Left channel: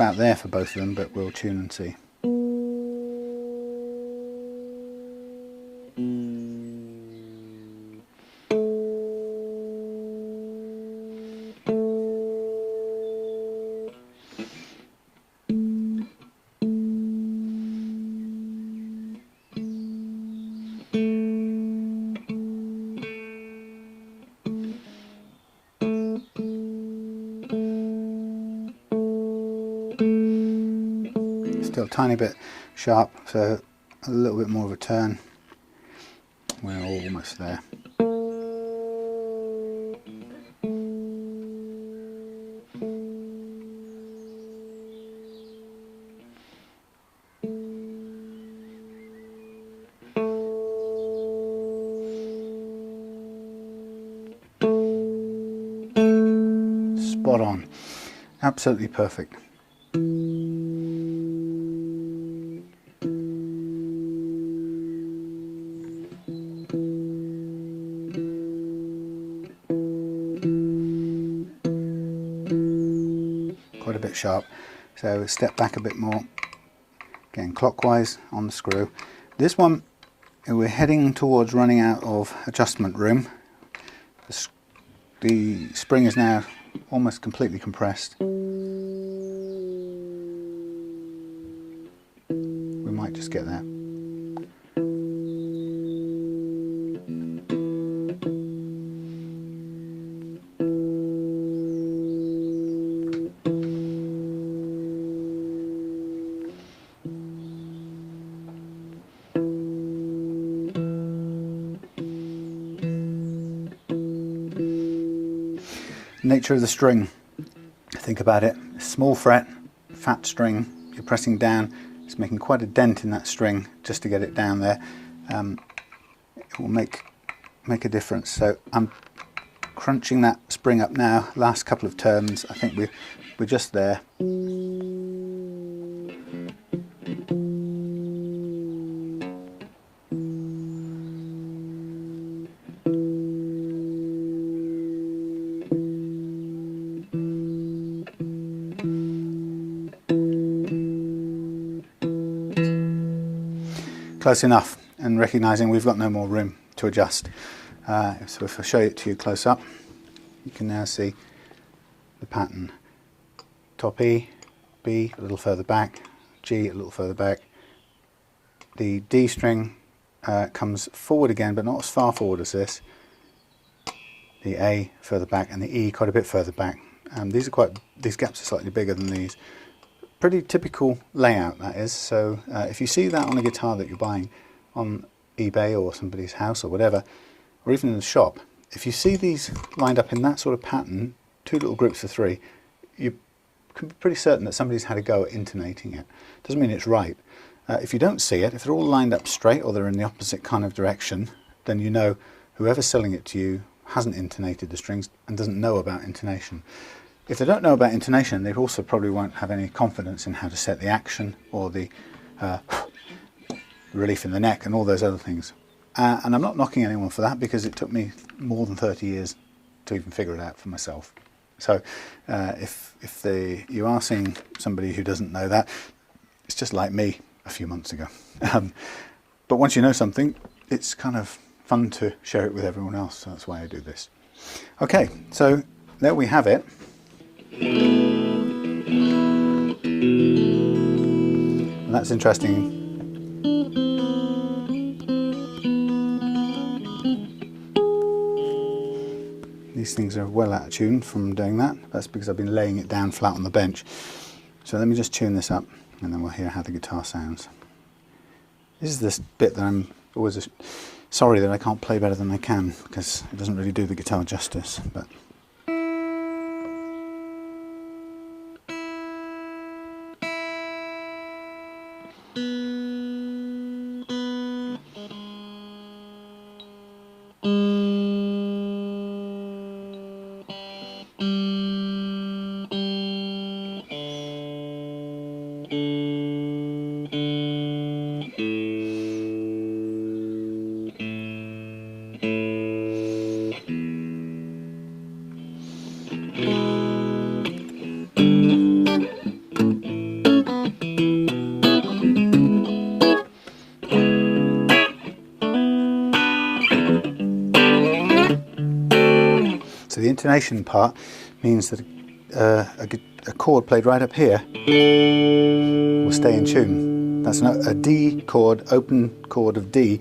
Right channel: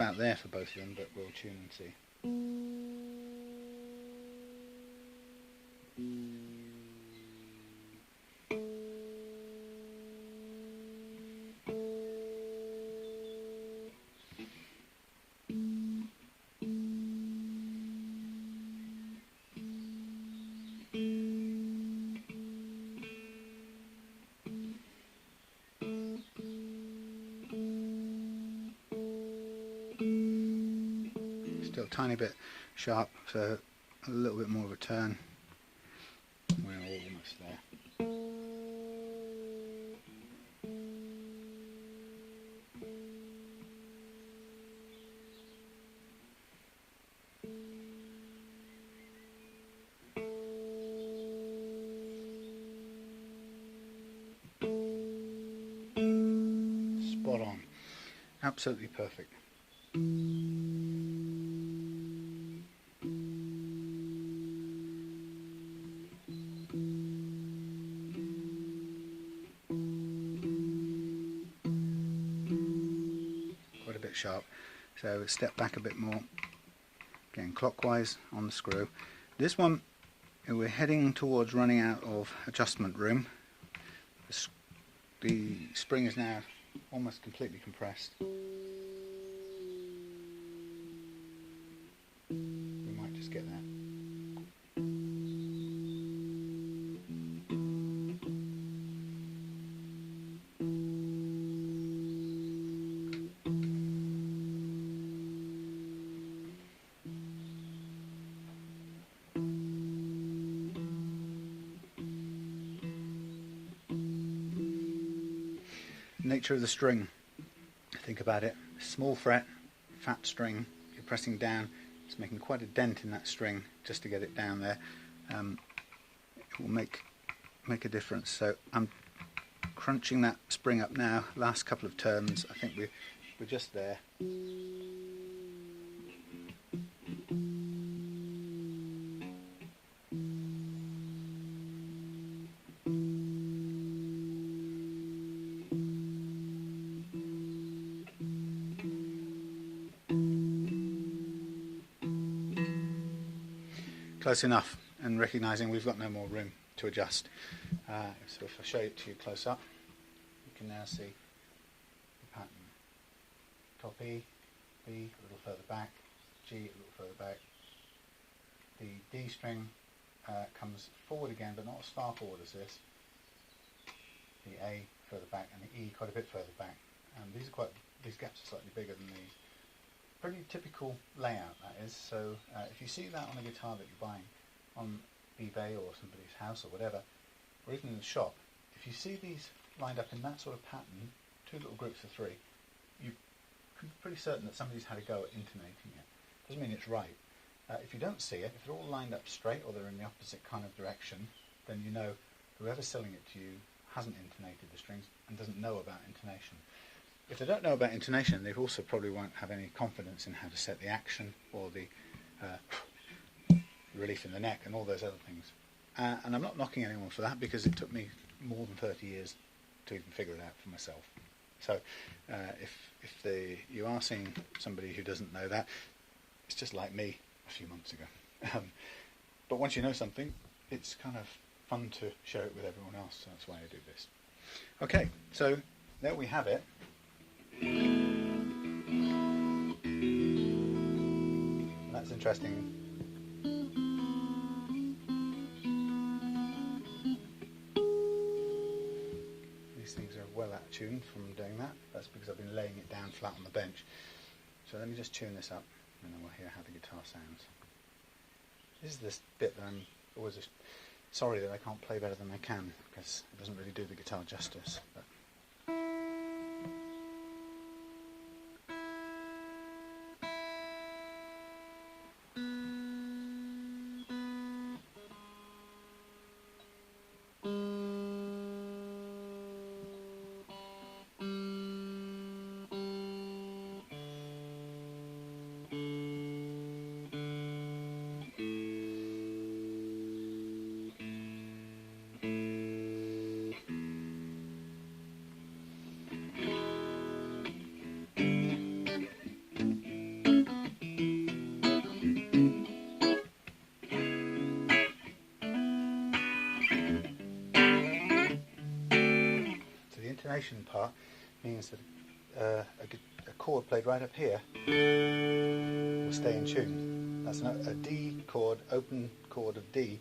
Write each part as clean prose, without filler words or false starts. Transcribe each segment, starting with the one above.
about there for both of them, but we'll tune and see. Still a tiny bit sharp, so a little bit more of a turn. We're almost there. Spot on. Absolutely perfect. Quite a bit sharp, so step back a bit more, again clockwise on the screw. This one, we're heading towards running out of adjustment room. The spring is now almost completely compressed. We might just get that. Nature of the string, think about it, small fret, fat string, you're pressing down, it's making quite a dent in that string just to get it down there. It will make a difference. So I'm crunching that spring up now, last couple of turns, I think we're just there. Close enough, and recognizing we've got no more room to adjust. So if I show it to you close up, you can now see the pattern. Top E, B a little further back, G a little further back. The D string comes forward again, but not as far forward as this. The A further back, and the E quite a bit further back. These gaps are slightly bigger than these. Pretty typical layout, that is. So if you see that on a guitar that you're buying on eBay or somebody's house or whatever, or even in the shop, if you see these lined up in that sort of pattern, two little groups of three, you can be pretty certain that somebody's had a go at intonating it. Doesn't mean it's right. If you don't see it, if they're all lined up straight or they're in the opposite kind of direction, then you know whoever's selling it to you hasn't intonated the strings and doesn't know about intonation. If they don't know about intonation, they also probably won't have any confidence in how to set the action or the relief in the neck and all those other things. And I'm not knocking anyone for that, because it took me more than 30 years to even figure it out for myself. So if you are seeing somebody who doesn't know that, it's just like me a few months ago. But once you know something, it's kind of fun to share it with everyone else, so that's why I do this. Okay, so there we have it. And that's interesting. These things are well out of tune from doing that. That's because I've been laying it down flat on the bench. So let me just tune this up, and then we'll hear how the guitar sounds. This is this bit that I'm always sorry that I can't play better than I can, because it doesn't really do the guitar justice. But intonation part means that a chord played right up here will stay in tune. That's a D chord, open chord of D,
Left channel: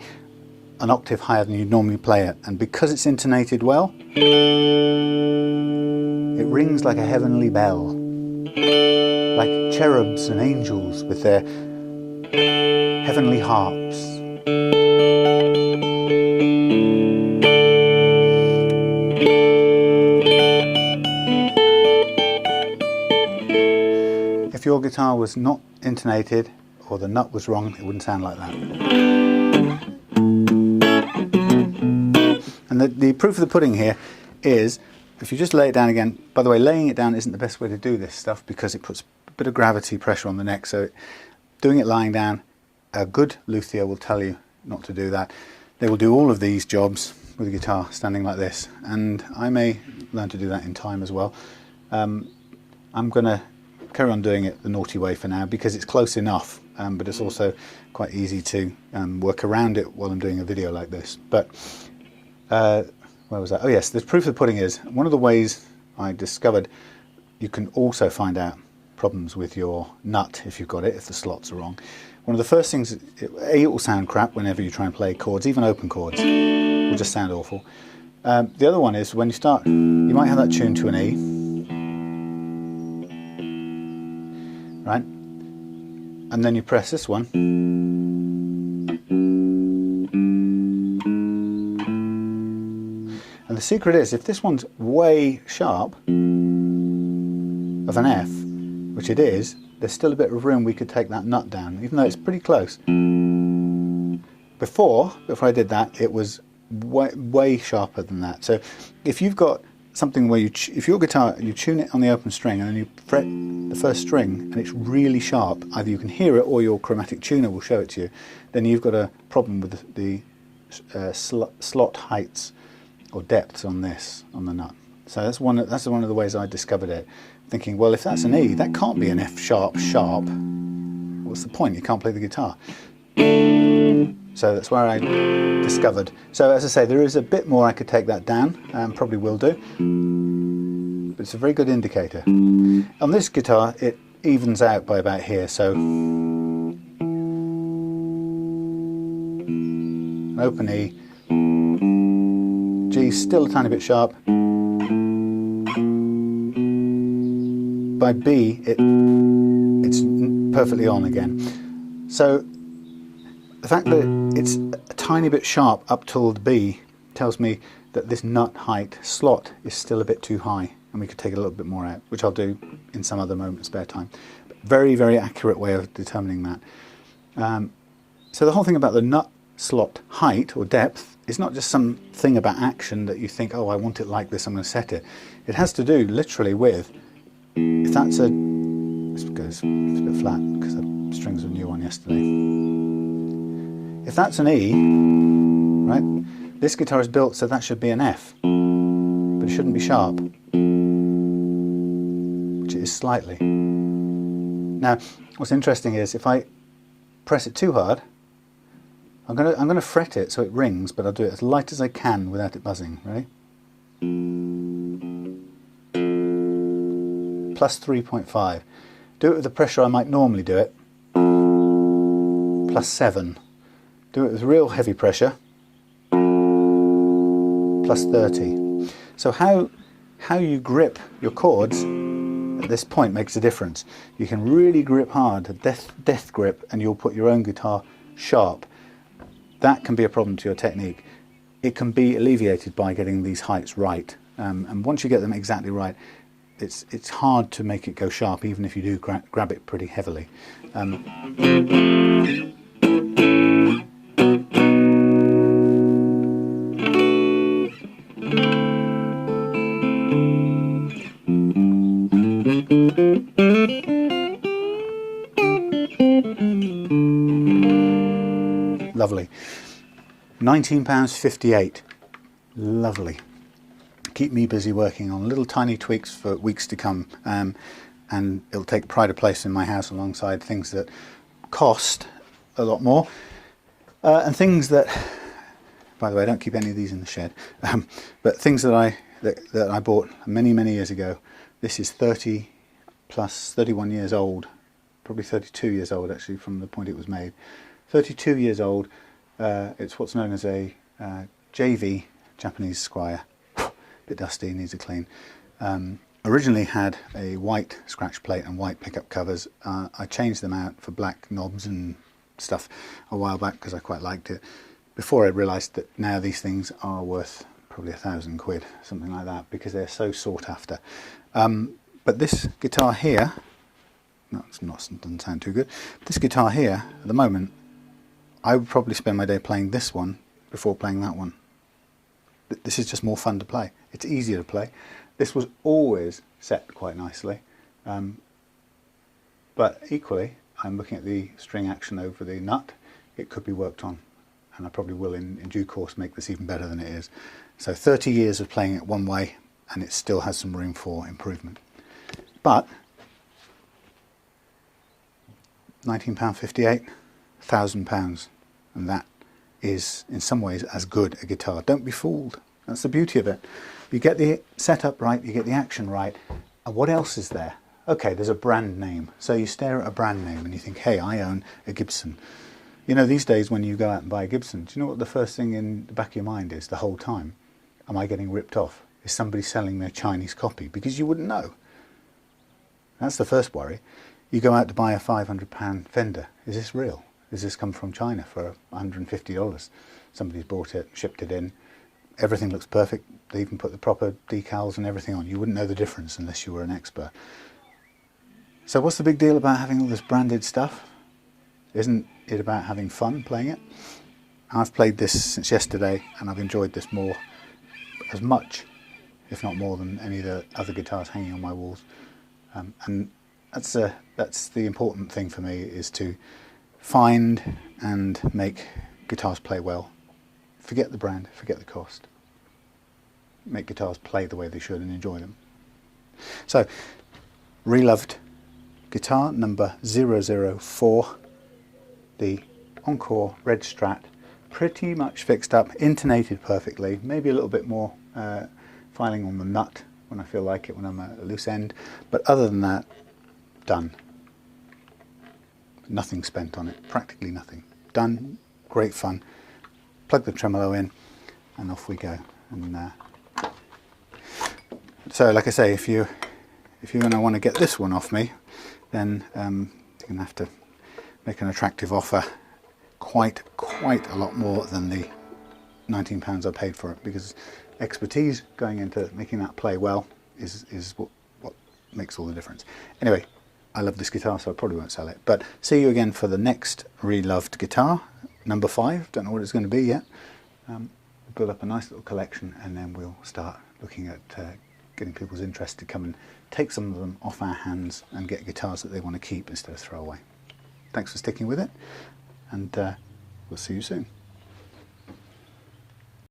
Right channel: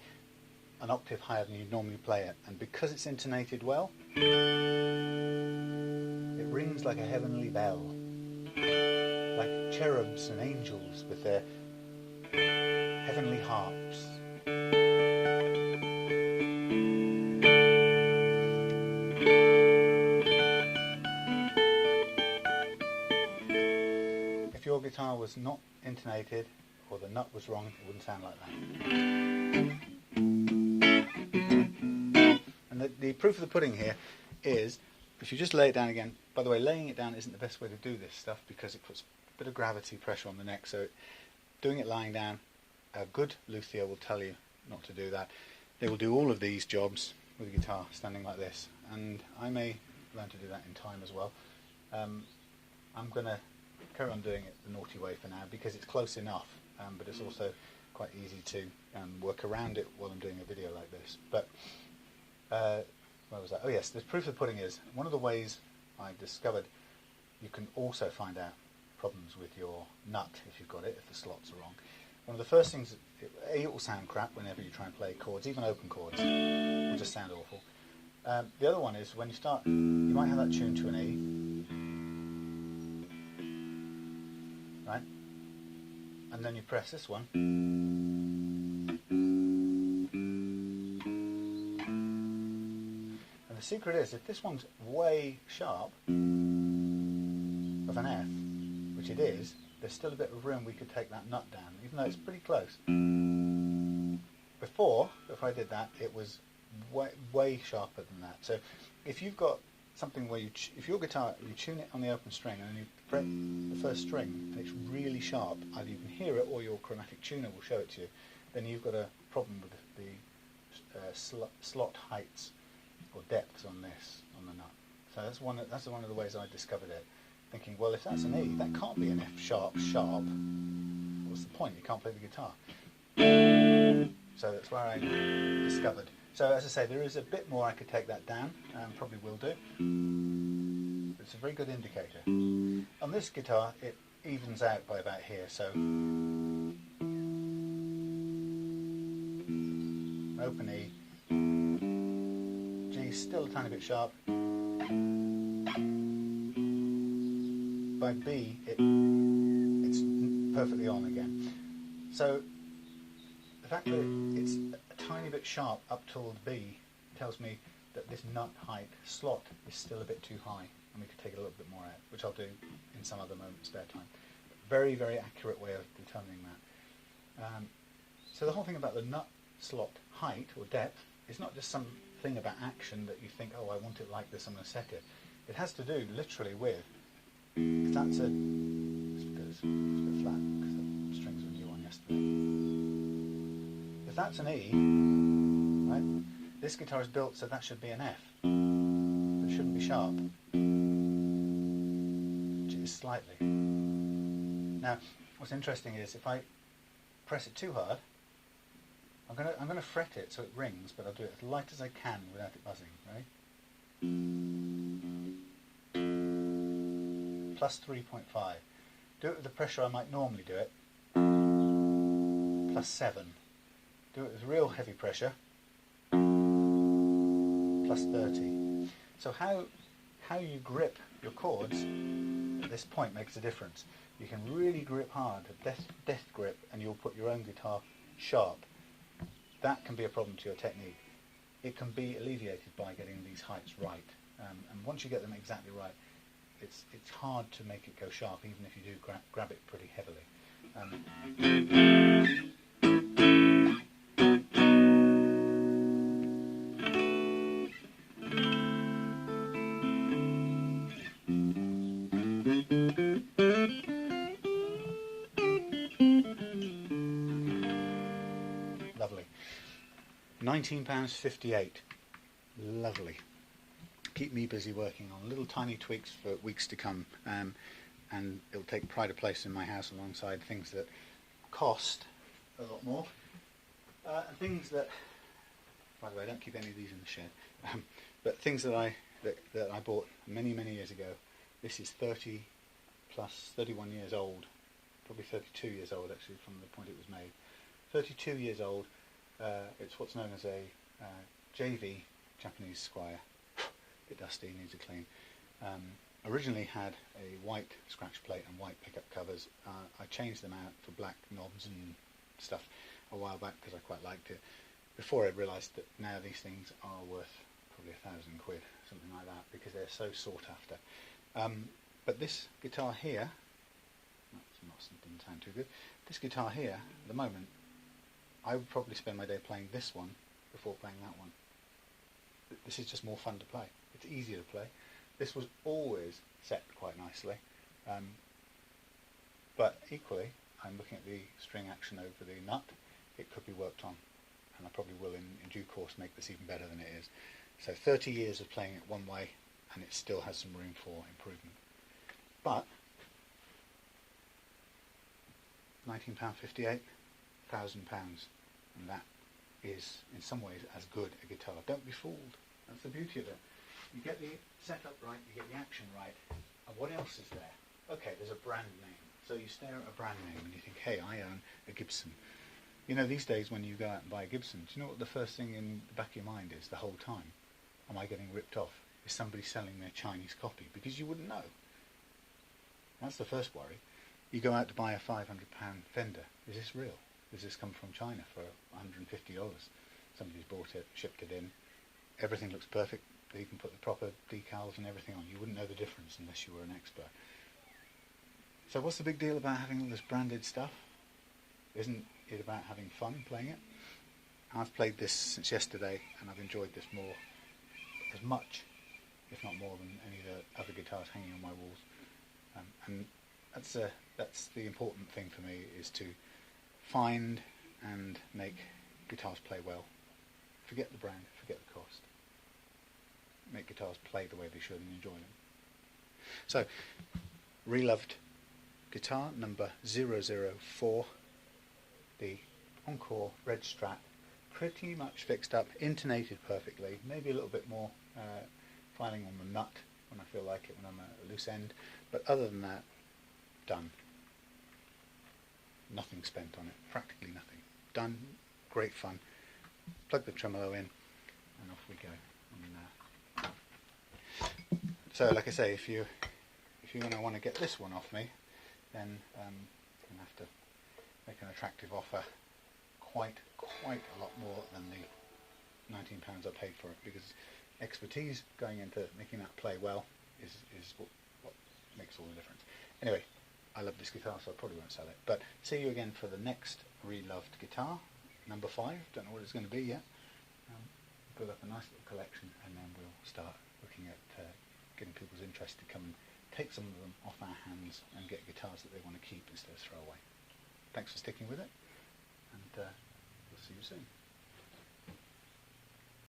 an octave higher than you'd normally play it. And because it's intonated well, it rings like a heavenly bell, like cherubs and angels with their heavenly harps. If your guitar was not intonated, or the nut was wrong, it wouldn't sound like that. And the proof of the pudding here is, if you just lay it down again, by the way, laying it down isn't the best way to do this stuff because it puts a bit of gravity pressure on the neck, so doing it lying down, a good luthier will tell you not to do that. They will do all of these jobs with a guitar standing like this, and I may learn to do that in time as well. I'm going to carry on doing it the naughty way for now because it's close enough, but it's also quite easy to work around it while I'm doing a video like this. But where was that? Oh yes, the proof of the pudding is, one of the ways I discovered you can also find out problems with your nut if you've got it, if the slots are wrong. One of the first things, it will sound crap whenever you try and play chords, even open chords, it will just sound awful. The other one is when you start, you might have that tuned to an E, right? And then you press this one, and the secret is, if this one's way sharp of an F, which it is, there's still a bit of room we could take that nut down, even though it's pretty close. Before I did that, it was way sharper than that. So if you've got something where if your guitar, you tune it on the open string and then you fret the first string and it's really sharp, either you can hear it or your chromatic tuner will show it to you, then you've got a problem with the slot heights or depths on this, on the nut. So that's one of the ways I discovered it, thinking, well, if that's an E, that can't be an F sharp. What's the point? You can't play the guitar. So that's where I discovered. So as I say, there is a bit more I could take that down, probably will do, but it's a very good indicator. On this guitar, it evens out by about here, so an open E, G still a tiny bit sharp, by B it's perfectly on again. So the fact that it's a tiny bit sharp up till the B tells me that this nut height slot is still a bit too high and we could take a little bit more out, which I'll do in some other moment, spare time. But very, very accurate way of determining that. So the whole thing about the nut slot height or depth is not just some thing about action that you think, oh, I want it like this, I'm going to set it. It has to do literally with, if that's this goes, it's a bit flat because the strings were new on yesterday. If that's an E, right, this guitar is built so that should be an F, but it shouldn't be sharp, which it is slightly. Now, what's interesting is if I press it too hard, I'm gonna fret it so it rings, but I'll do it as light as I can without it buzzing. Ready? Plus 3.5. Do it with the pressure I might normally do it. Plus 7. Do it with real heavy pressure. Plus 30. So how you grip your chords at this point makes a difference. You can really grip hard, a death grip, and you'll put your own guitar sharp. That can be a problem to your technique. It can be alleviated by getting these heights right. And once you get them exactly right, it's hard to make it go sharp, even if you do grab it pretty heavily. Lovely. £19.58. Lovely. Keep me busy working on little tiny tweaks for weeks to come, and it'll take pride of place in my house alongside things that cost a lot more, and things that, by the way, I don't keep any of these in the shed, but things that I that I bought many years ago. This is 31 years old, probably 32 years old actually from the point it was made. 32 years old. It's what's known as a JV, Japanese Squire. Bit dusty, needs a clean. Originally had a white scratch plate and white pickup covers. I changed them out for black knobs and stuff a while back because I quite liked it. Before I realised that now these things are worth probably £1,000, something like that, because they're so sought after. But this guitar here, no, doesn't sound too good. This guitar here, at the moment, I would probably spend my day playing this one before playing that one. This is just more fun to play. It's easier to play. This was always set quite nicely, but equally, I'm looking at the string action over the nut. It could be worked on, and I probably will in due course make this even better than it is. So 30 years of playing it one way, and it still has some room for improvement. But £19.58, £1,000, and that is in some ways as good a guitar. Don't be fooled. That's the beauty of it. You get the setup right, you get the action right, and what else is there? Okay, there's a brand name. So you stare at a brand name and you think, hey, I own a Gibson. You know, these days when you go out and buy a Gibson, do you know what the first thing in the back of your mind is the whole time? Am I getting ripped off? Is somebody selling their Chinese copy? Because you wouldn't know. That's the first worry. You go out to buy a £500 Fender. Is this real? Does this come from China for $150? Somebody's bought it, shipped it in. Everything looks perfect. They even put the proper decals and everything on. You wouldn't know the difference unless you were an expert. So what's the big deal about having all this branded stuff? Isn't it about having fun playing it? I've played this since yesterday and I've enjoyed this as much, if not more, than any of the other guitars hanging on my walls. And that's the important thing for me, is to find and make guitars play well. Forget the brand, forget the cost. Make guitars play the way they should and enjoy them. So, reloved guitar number 004, the Encore Red Strat, pretty much fixed up, intonated perfectly, maybe a little bit more filing on the nut when I feel like it, when I'm at a loose end, but other than that, done. Nothing spent on it, practically nothing. Done, great fun. Plug the tremolo in and off we go. And so like I say, if you're going to want to get this one off me, then you're going to have to make an attractive offer, quite a lot more than the £19 I paid for it, because expertise going into making that play well is what makes all the difference. Anyway, I love this guitar, so I probably won't sell it. But see you again for the next reloved guitar, number 5. Don't know what it's going to be yet. Build up a nice little collection, and then we'll start looking at getting people's interest to come and take some of them off our hands and get guitars that they want to keep instead of throw away. Thanks for sticking with it, and we'll see you soon.